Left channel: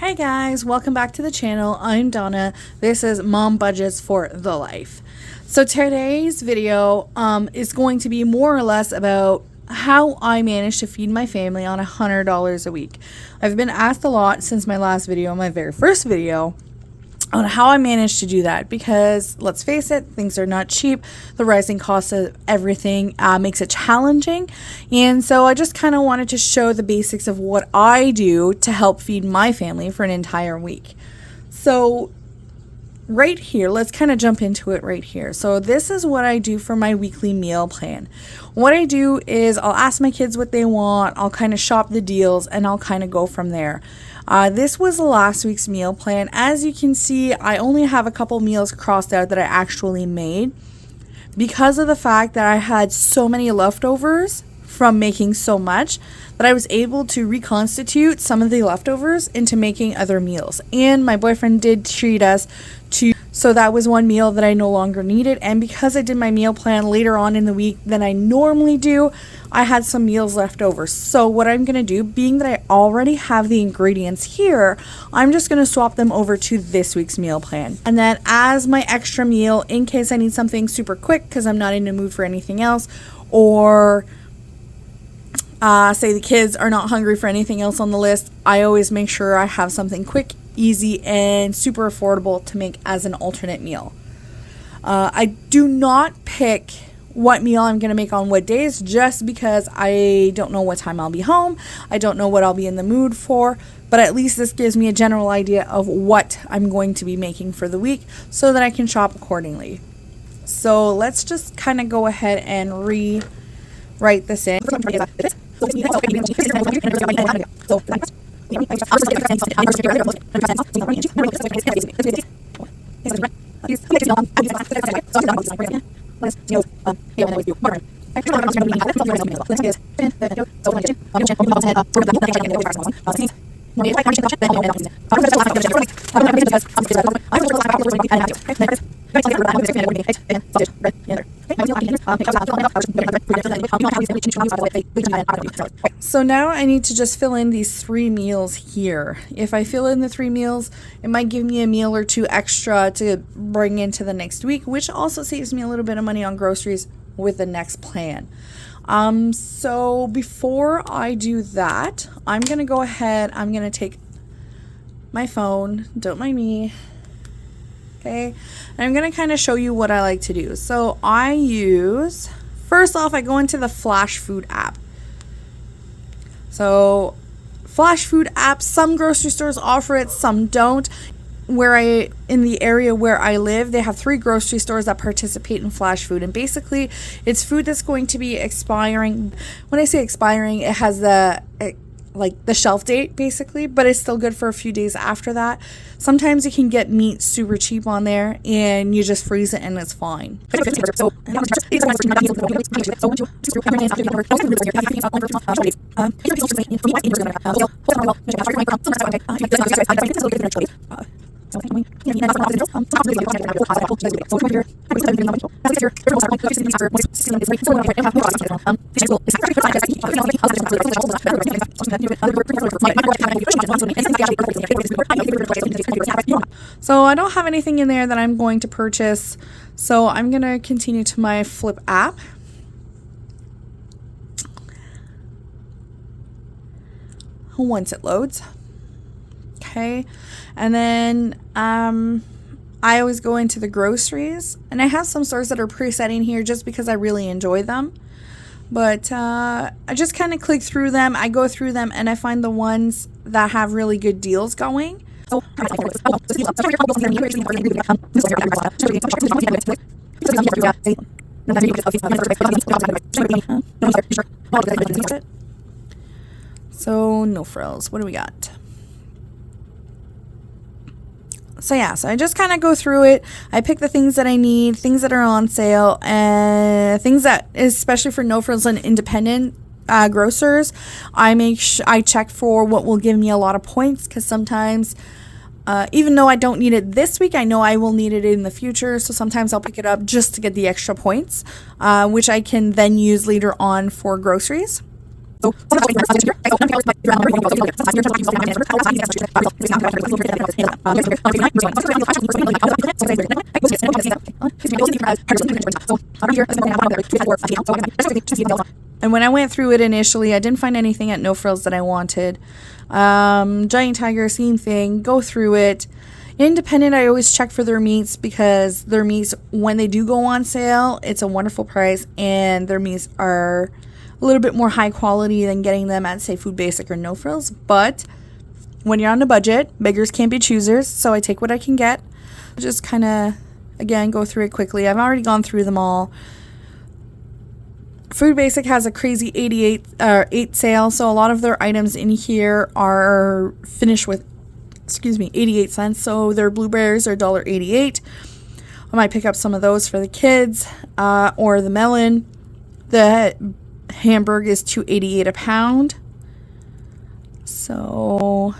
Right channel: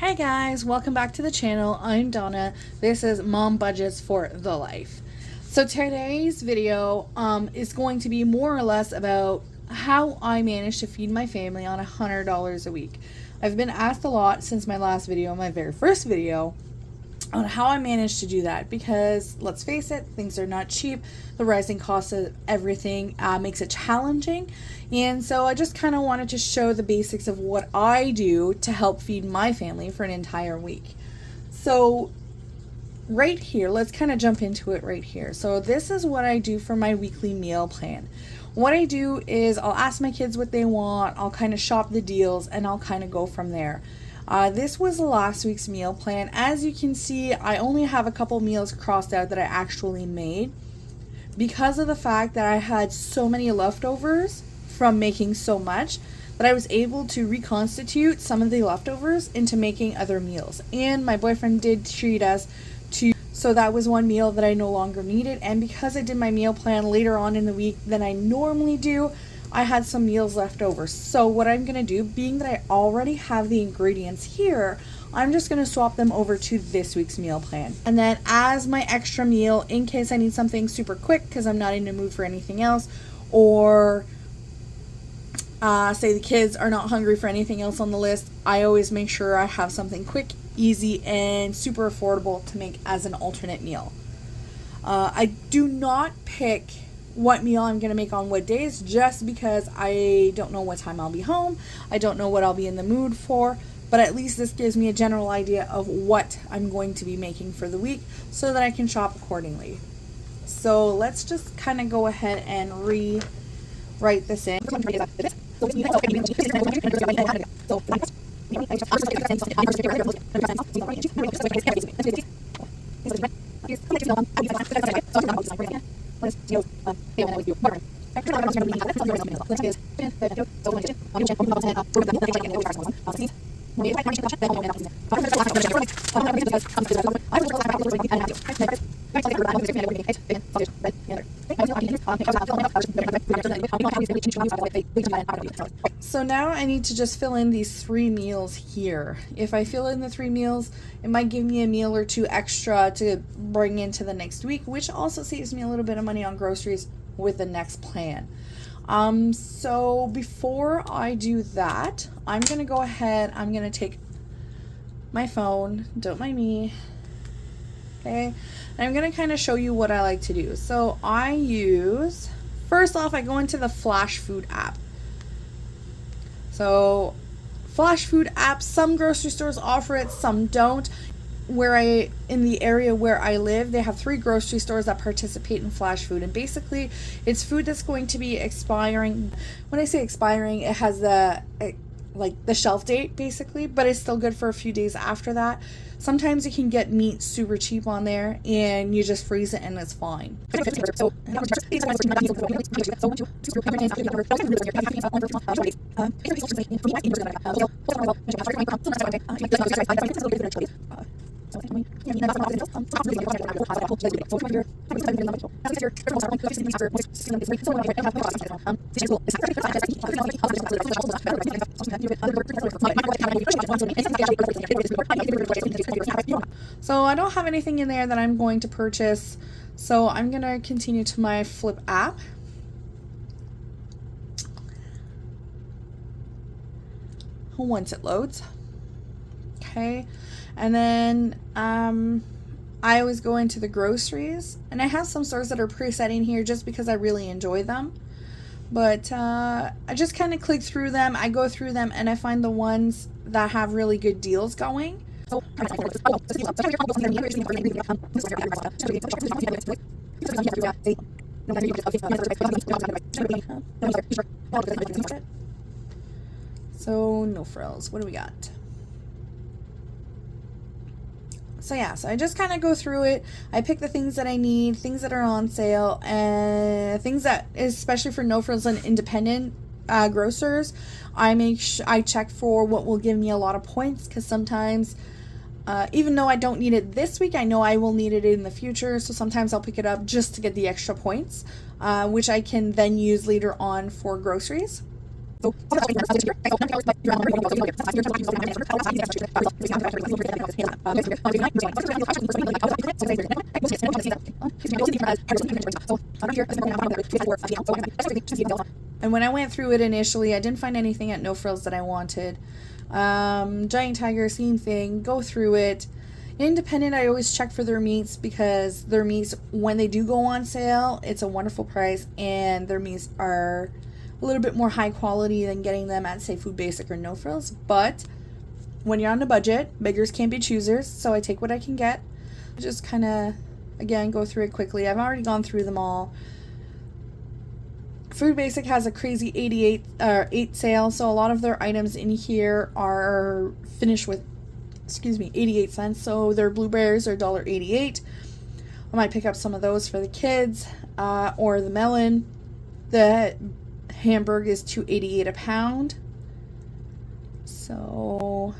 Hi guys, welcome back to the channel. I'm Donna. This is Mom Budgets for the Life. So today's video is going to be more or less about how I manage to feed my family on $100 a week. I've been asked a lot since my last video, my very first video, on how I managed to do that, because let's face it, things are not cheap. The rising cost of everything makes it challenging, and so I just kind of wanted to show the basics of what I do to help feed my family for an entire week. So right here, let's kind of jump into it right here. So this is what I do for my weekly meal plan. What I do is I'll ask my kids what they want, I'll kind of shop the deals, and I'll kind of go from there. This was last week's meal plan. As you can see, I only have a couple meals crossed out that I actually made because of the fact that I had so many leftovers from making so much that I was able to reconstitute some of the leftovers into making other meals. And my boyfriend did treat us to, so that was one meal that I no longer needed. And because I did my meal plan later on in the week than I normally do, I had some meals left over. So what I'm going to do, being that I already have the ingredients here, I'm just going to swap them over to this week's meal plan. And then as my extra meal, in case I need something super quick because I'm not in the mood for anything else, or say the kids are not hungry for anything else on the list, I always make sure I have something quick, easy, and super affordable to make as an alternate meal. I do not pick what meal I'm going to make on what days, just because I don't know what time I'll be home. I don't know what I'll be in the mood for, but at least this gives me a general idea of what I'm going to be making for the week so that I can shop accordingly. So let's just kind of go ahead and rewrite this in. So now I need to just fill in these 3 meals here. If I fill in the 3 meals, it might give me a meal or 2 extra to bring into the next week, which also saves me a little bit of money on groceries with the next plan. So before I do that, I'm going to go ahead, I'm going to take my phone, don't mind me, okay, and I'm going to kind of show you what I like to do. So I use, first off, I go into the Flash Food app. So Flash Food app, some grocery stores offer it, some don't. In the area where I live, they have 3 grocery stores that participate in Flash Food, and basically it's food that's going to be expiring. When I say expiring, it has the shelf date basically, but it's still good for a few days after that. Sometimes you can get meat super cheap on there and you just freeze it and it's fine. So I don't have anything in there that I'm going to purchase, so I'm going to continue to my Flipp app. Once it loads. Okay, and then I always go into the groceries, and I have some stores that are preset in here just because I really enjoy them. But I just kind of click through them, I go through them, and I find the ones that have really good deals going. So no frills, what do we got? So yeah, so I just kind of go through it. I pick the things that I need, things that are on sale, and things that, especially for no frills and independent grocers, I check for what will give me a lot of points, because sometimes even though I don't need it this week, I know I will need it in the future, so sometimes I'll pick it up just to get the extra points, which I can then use later on for groceries. And when I went through it initially, I didn't find anything at No Frills that I wanted. Giant Tiger, same thing. Go through it. Independent, I always check for their meats because their meats, when they do go on sale, it's a wonderful price, and their meats are a little bit more high quality than getting them at, say, Food Basic or No Frills. But when you're on a budget, beggars can't be choosers, so I take what I can get. Just kind of, again, go through it quickly. I've already gone through them all. Food Basic has a crazy 8 sale, so a lot of their items in here are finished with 88 cents. So their blueberries are $1.88. I might pick up some of those for the kids, or the melon. The Hamburg is $2.88 a pound. So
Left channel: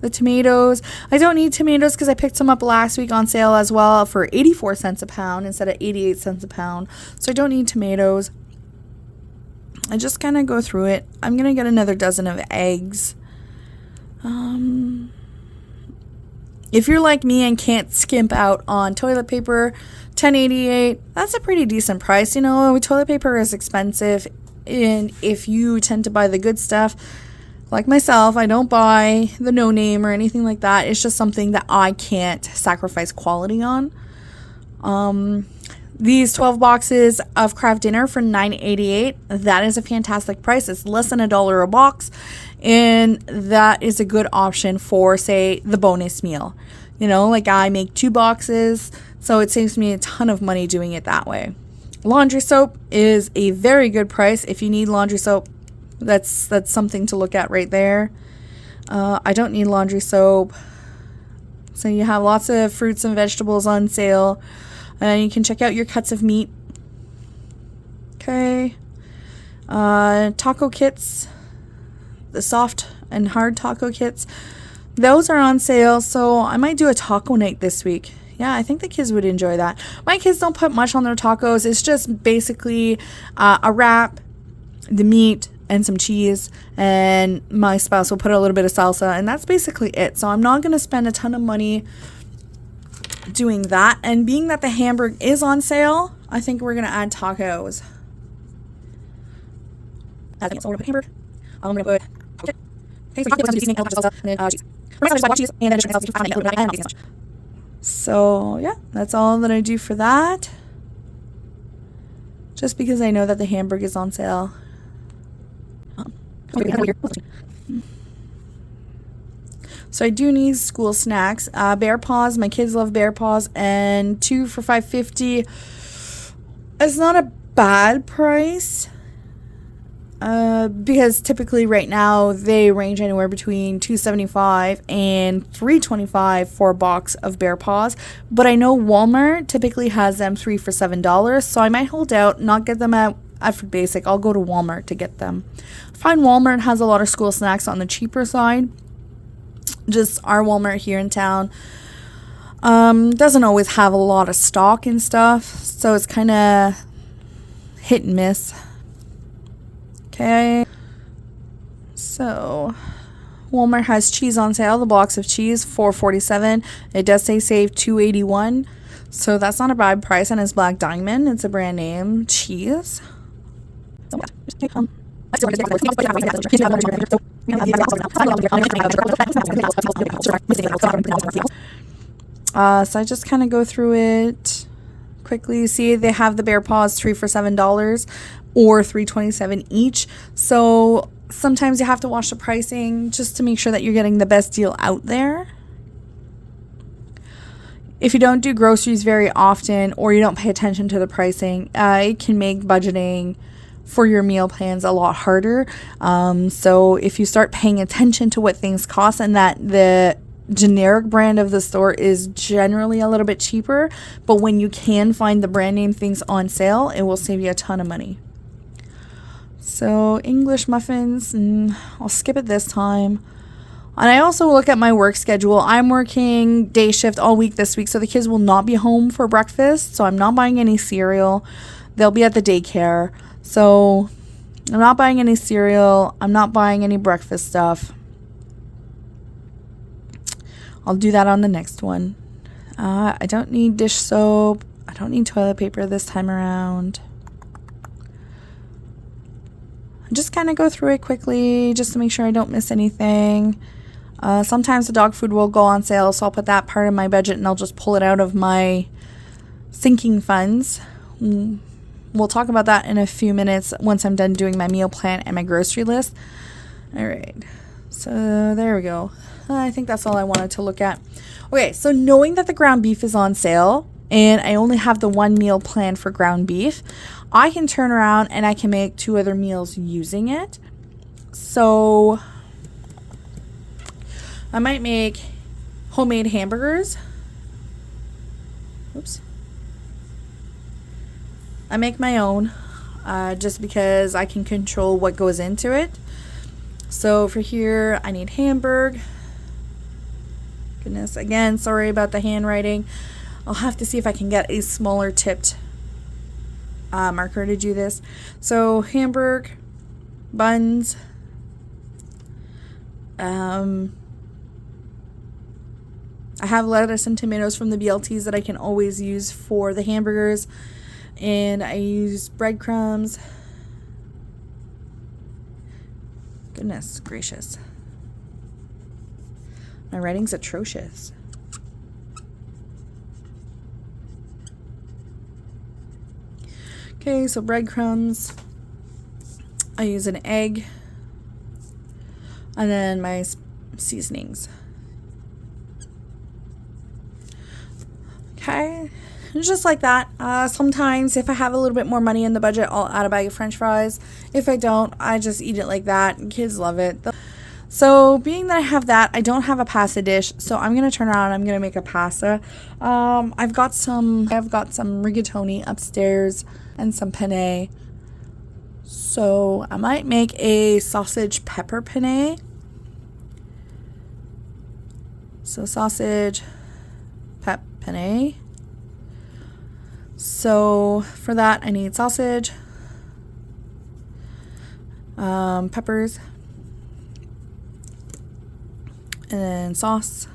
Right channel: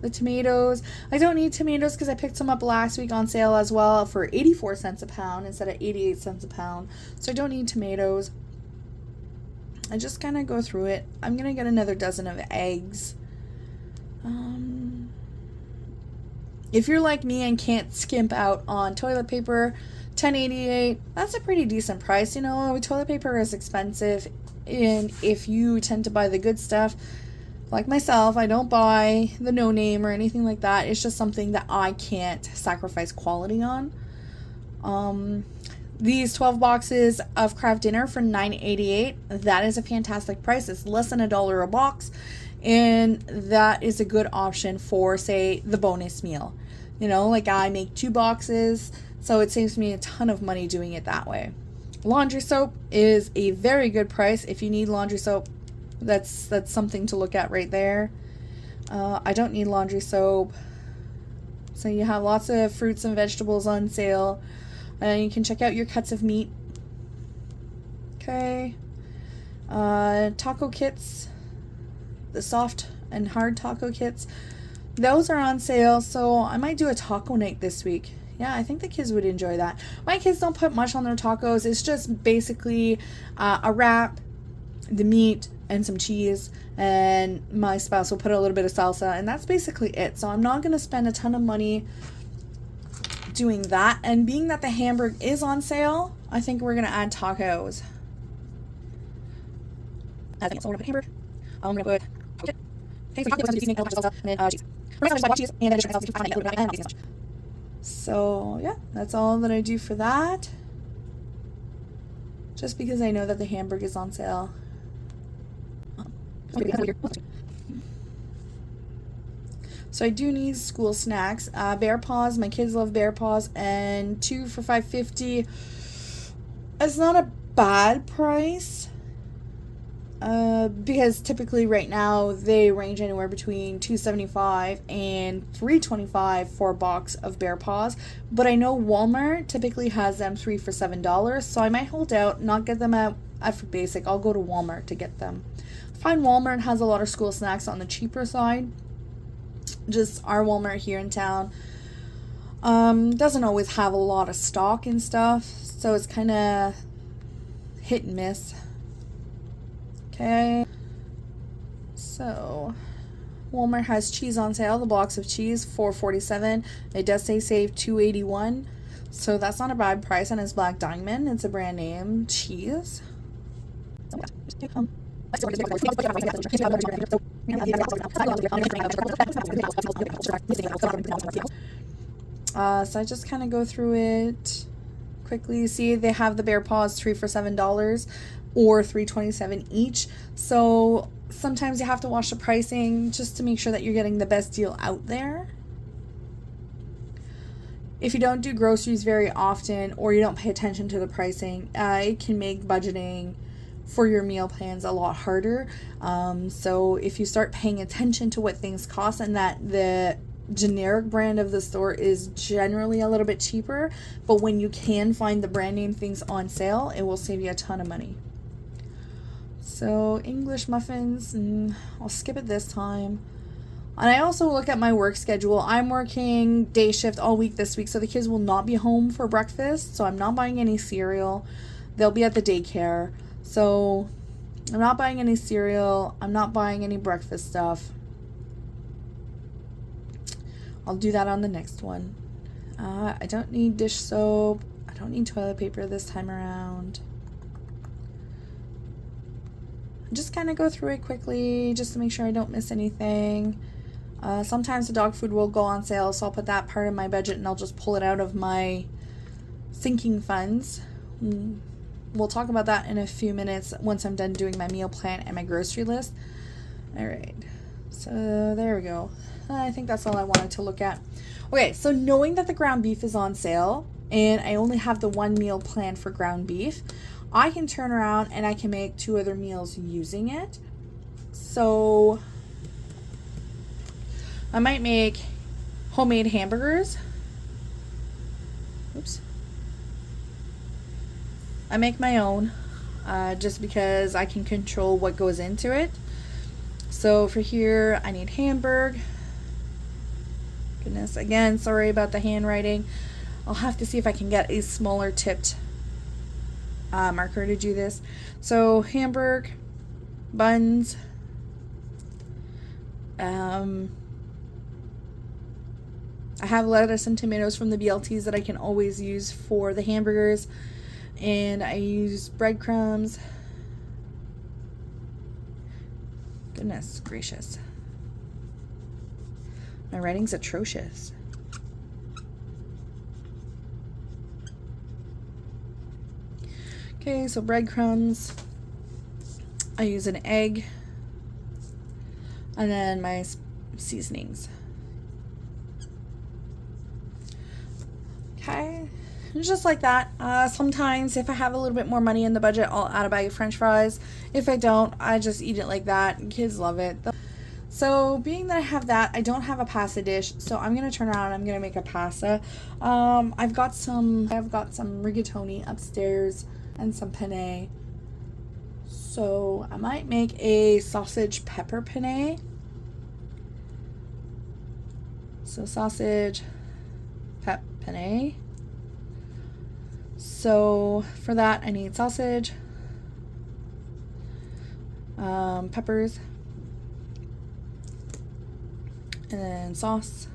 the tomatoes, I don't need tomatoes because I picked some up last week on sale as well for 84 cents a pound instead of 88 cents a pound. So I don't need tomatoes. I just kind of go through it. I'm going to get another dozen of eggs. If you're like me and can't skimp out on toilet paper, $10.88, that's a pretty decent price. You know, toilet paper is expensive, and if you tend to buy the good stuff, like myself, I don't buy the no name or anything like that. It's just something that I can't sacrifice quality on. These 12 boxes of Kraft Dinner for $9.88, that is a fantastic price. It's less than $1 a box, and that is a good option for, say, the bonus meal. You know, like I make 2 boxes, so it saves me a ton of money doing it that way. Laundry soap is a very good price. If you need laundry soap, that's something to look at right there. I don't need laundry soap. So you have lots of fruits and vegetables on sale. And you can check out your cuts of meat. Okay. Taco kits. The soft and hard taco kits. Those are on sale, so I might do a taco night this week. Yeah, I think the kids would enjoy that. My kids don't put much on their tacos. It's just basically a wrap, the meat, and some cheese. And my spouse will put a little bit of salsa, and that's basically it. So I'm not going to spend a ton of money doing that. And being that the Hamburg is on sale, I think we're going to add tacos. I think so. We're going to put Hamburg. I'm going to put okay, so tacos, seasoning, salsa, and then cheese. Cheese, and then so yeah, that's all that I do for that. Just because I know that the Hamburg is on sale. So I do need school snacks. Bear Paws. My kids love Bear Paws, and 2 for $5.50. It's not a bad price. Because typically right now they range anywhere between $2.75 and $3.25 for a box of Bear Paws. But I know Walmart typically has them 3 for $7, so I might hold out, not get them at Food Basic. I'll go to Walmart to get them. I find Walmart has a lot of school snacks on the cheaper side. Just our Walmart here in town doesn't always have a lot of stock and stuff, so it's kind of hit and miss. Okay, so Walmart has cheese on sale. The box of cheese, $4.47. It does say save $2.81, so that's not a bad price, and it's Black Diamond. It's a brand name cheese. So I just kind of go through it quickly. You see they have the Bear Paws 3 for $7 or $3.27 each. So sometimes you have to watch the pricing just to make sure that you're getting the best deal out there. If you don't do groceries very often or you don't pay attention to the pricing, it can make budgeting for your meal plans a lot harder. So if you start paying attention to what things cost, and that the generic brand of the store is generally a little bit cheaper, but when you can find the brand name things on sale, it will save you a ton of money. So English muffins, I'll skip it this time. And I also look at my work schedule. I'm working day shift all week this week, so the kids will not be home for breakfast, so I'm not buying any cereal. They'll be at the daycare. So I'm not buying any cereal. I'm not buying any breakfast stuff. I'll do that on the next one. I don't need dish soap. I don't need toilet paper this time around. Just kind of go through it quickly just to make sure I don't miss anything. Sometimes the dog food will go on sale, so I'll put that part of my budget and I'll just pull it out of my sinking funds. We'll talk about that in a few minutes once I'm done doing my meal plan and my grocery list. All right, so there we go. I think that's all I wanted to look at. Okay, so knowing that the ground beef is on sale and I only have the one meal plan for ground beef, I can turn around and I can make 2 other meals using it. So I might make homemade hamburgers. Oops. I make my own just because I can control what goes into it. So for here, I need Hamburg. Goodness, again, sorry about the handwriting. I'll have to see if I can get a smaller tipped marker to do this. So Hamburg, buns, I have lettuce and tomatoes from the BLTs that I can always use for the hamburgers. And I use breadcrumbs. Goodness gracious. My writing's atrocious. Okay, so breadcrumbs. I use an egg. And then my seasonings. Okay. Just like that. Sometimes if I have a little bit more money in the budget, I'll add a bag of french fries. If I don't, I just eat it like that. Kids love it. So being that I have that, I don't have a pasta dish, so I'm going to turn around and I'm going to make a pasta. I've got some rigatoni upstairs and some penne. So I might make a sausage pepper penne. So sausage, penne. So for that, I need sausage, peppers, and then sauce.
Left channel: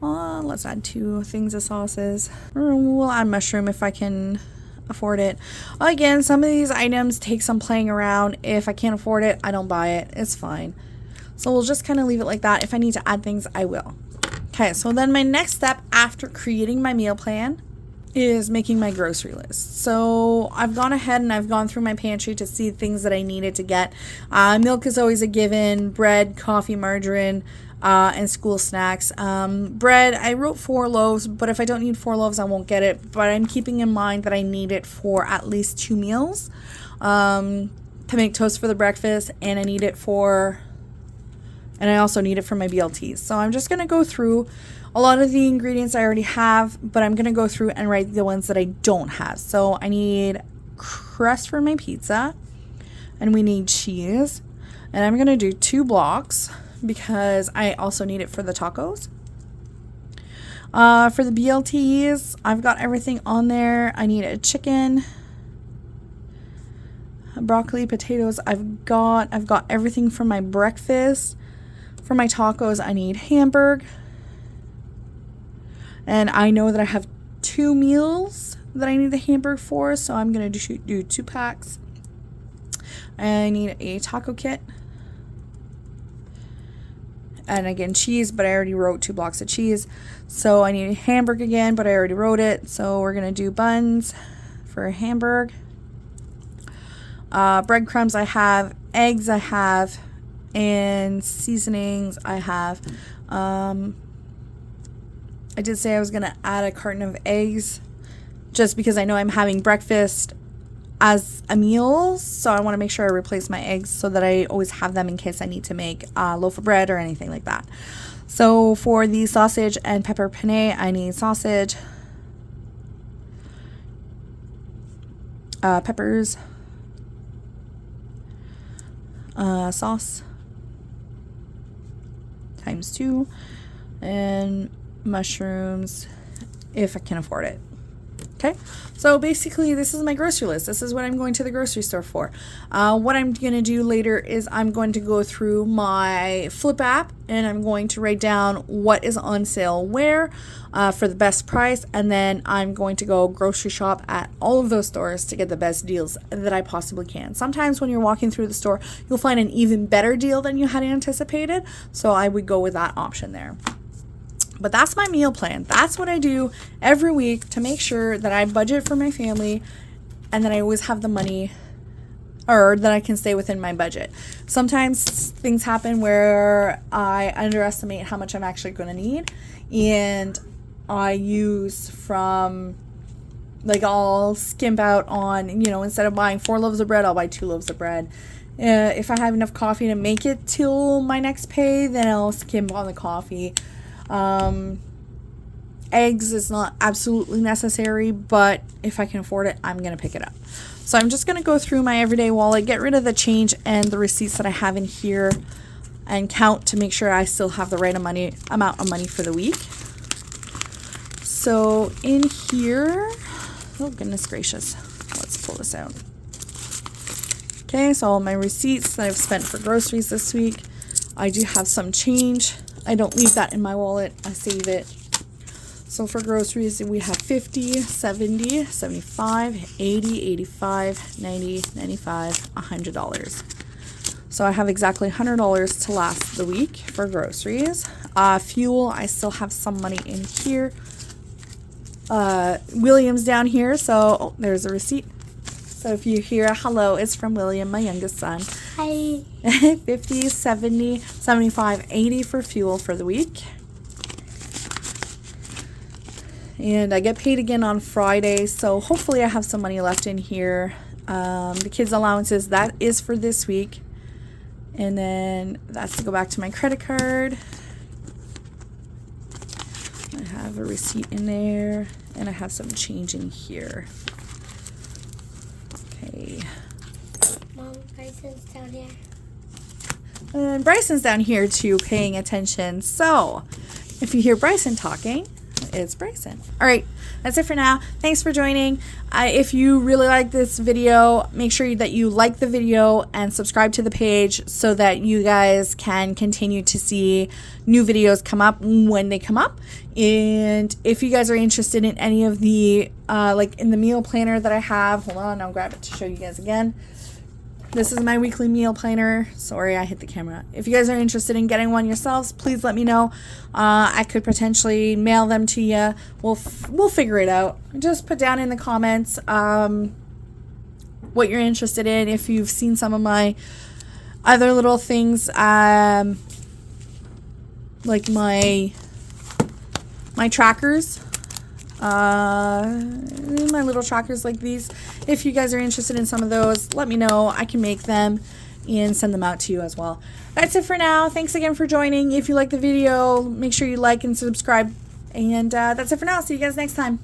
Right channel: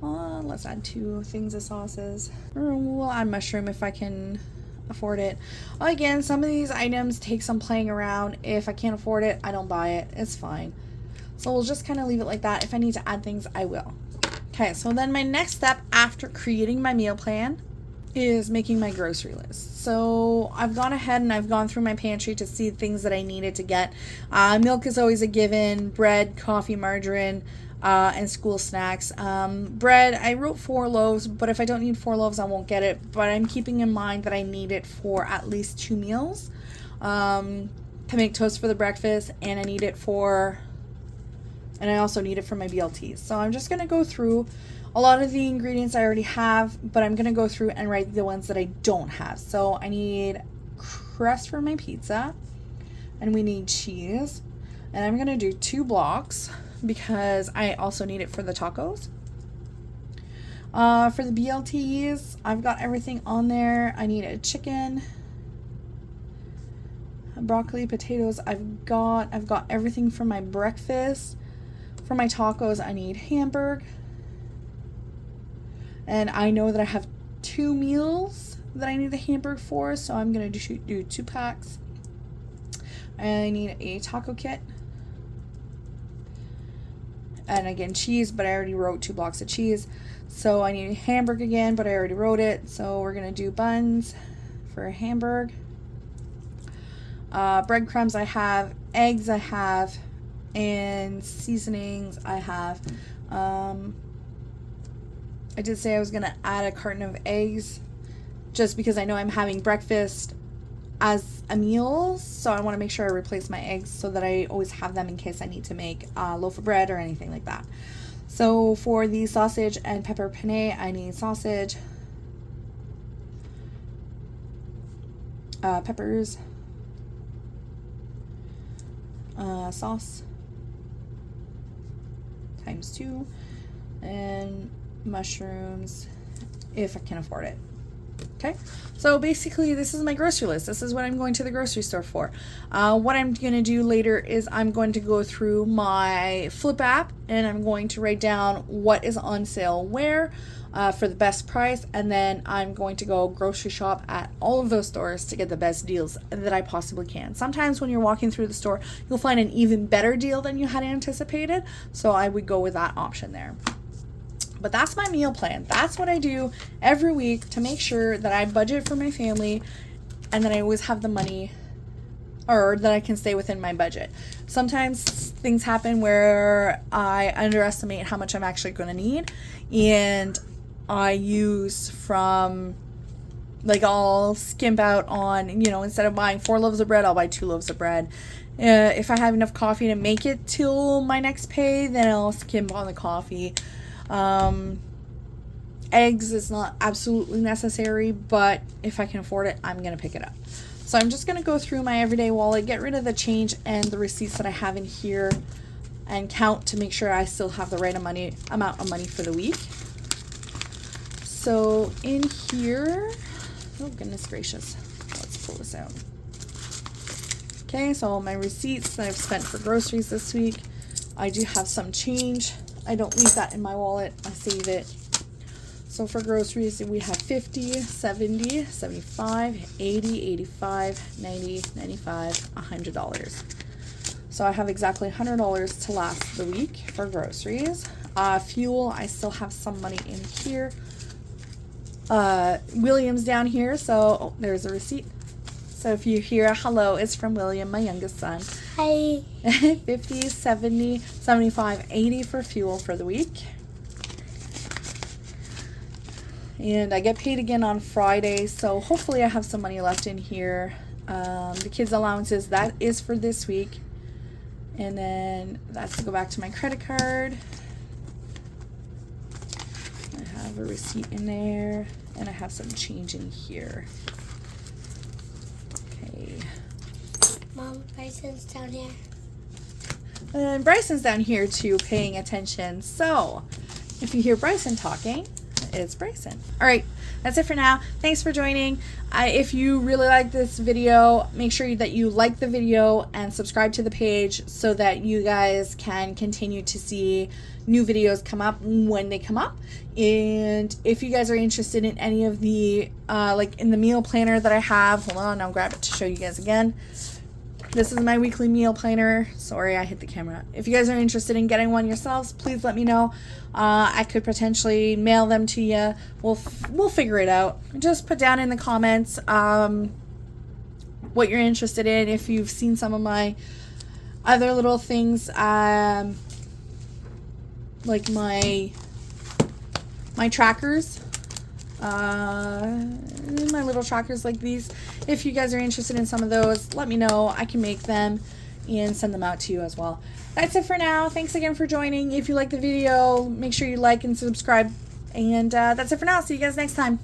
Let's add 2 things of sauces. We'll add mushroom if I can afford it. Again, some of these items take some playing around. If I can't afford it, I don't buy it. It's fine. So we'll just kind of leave it like that. If I need to add things, I will. Okay, so then my next step after creating my meal plan is making my grocery list. So I've gone ahead and I've gone through my pantry to see things that I needed to get. Milk is always a given, bread, coffee, margarine, and school snacks. Bread, I wrote 4 loaves, but if I don't need 4 loaves, I won't get it. But I'm keeping in mind that I need it for at least 2 meals to make toast for the breakfast, and I need it for, and I also need it for my BLTs. So I'm just going to go through a lot of the ingredients I already have, but I'm going to go through and write the ones that I don't have. So I need crust for my pizza, and we need cheese, and I'm going to do 2 blocks because I also need it for the tacos. For the BLTs, I've got everything on there. I need a chicken, broccoli, potatoes. I've got everything for my breakfast. For my tacos, I need Hamburg. And I know that I have 2 meals that I need the Hamburg for, so I'm going to do 2 packs. I need a taco kit. And again, cheese, but I already wrote 2 blocks of cheese. So I need a Hamburg again, but I already wrote it. So we're going to do buns for a Hamburg. Breadcrumbs I have, eggs I have, and seasonings I have. I did say I was going to add a carton of eggs just because I know I'm having breakfast as a meal, so I want to make sure I replace my eggs so that I always have them in case I need to make a loaf of bread or anything like that. So for the sausage and pepper penne, I need sausage, peppers, sauce times 2, and mushrooms if I can afford it. Okay, so basically this is my grocery list. This is what I'm going to the grocery store for. What I'm going to do later is I'm going to go through my Flipp app and I'm going to write down what is on sale where for the best price, and then I'm going to go grocery shop at all of those stores to get the best deals that I possibly can. Sometimes when you're walking through the store, you'll find an even better deal than you had anticipated, so I would go with that option there. But that's my meal plan. That's what I do every week to make sure that I budget for my family and that I always have the money, or that I can stay within my budget. Sometimes things happen where I underestimate how much I'm actually going to need, and I use from, like, I'll skimp out on, instead of buying 4 loaves of bread, I'll buy 2 loaves of bread. If I have enough coffee to make it till my next pay, then I'll skimp on the coffee. Eggs is not absolutely necessary, but if I can afford it, I'm going to pick it up. So I'm just going to go through my everyday wallet, get rid of the change and the receipts that I have in here, and count to make sure I still have the right amount of money for the week. So in here, oh goodness gracious, let's pull this out. Okay, so all my receipts that I've spent for groceries this week. I do have some change. I don't leave that in my wallet, I save it. So for groceries, we have 50, 70, 75, 80, 85, 90, 95, $100. So I have exactly $100 to last the week for groceries. Fuel, I still have some money in here. William's down here, so there's a receipt. So if you hear hello, it's from William, my youngest son. Hi. 50, 70, 75, 80 for fuel for the week. And I get paid again on Friday, so hopefully I have some money left in here. The kids' allowances, that is for this week. And then that's to go back to my credit card. I have a receipt in there, and I have some change in here. Okay. Mom, Bryson's down here. And Bryson's down here too, paying attention. So, if you hear Bryson talking, it's Bryson. All right, that's it for now. Thanks for joining. If you really like this video, make sure that you like the video and subscribe to the page so that you guys can continue to see new videos come up when they come up. And if you guys are interested in any of the, like in the meal planner that I have, hold on, I'll grab it to show you guys again. This is my weekly meal planner. Sorry, I hit the camera. If you guys are interested in getting one yourselves, please let me know. I could potentially mail them to you. We'll figure it out. Just put down in the comments what you're interested in. If you've seen some of my other little things, like my trackers. My little trackers like these. If you guys are interested in some of those, let me know. I can make them and send them out to you as well. That's it for now. Thanks again for joining. If you like the video, make sure you like and subscribe. And that's it for now. See you guys next time.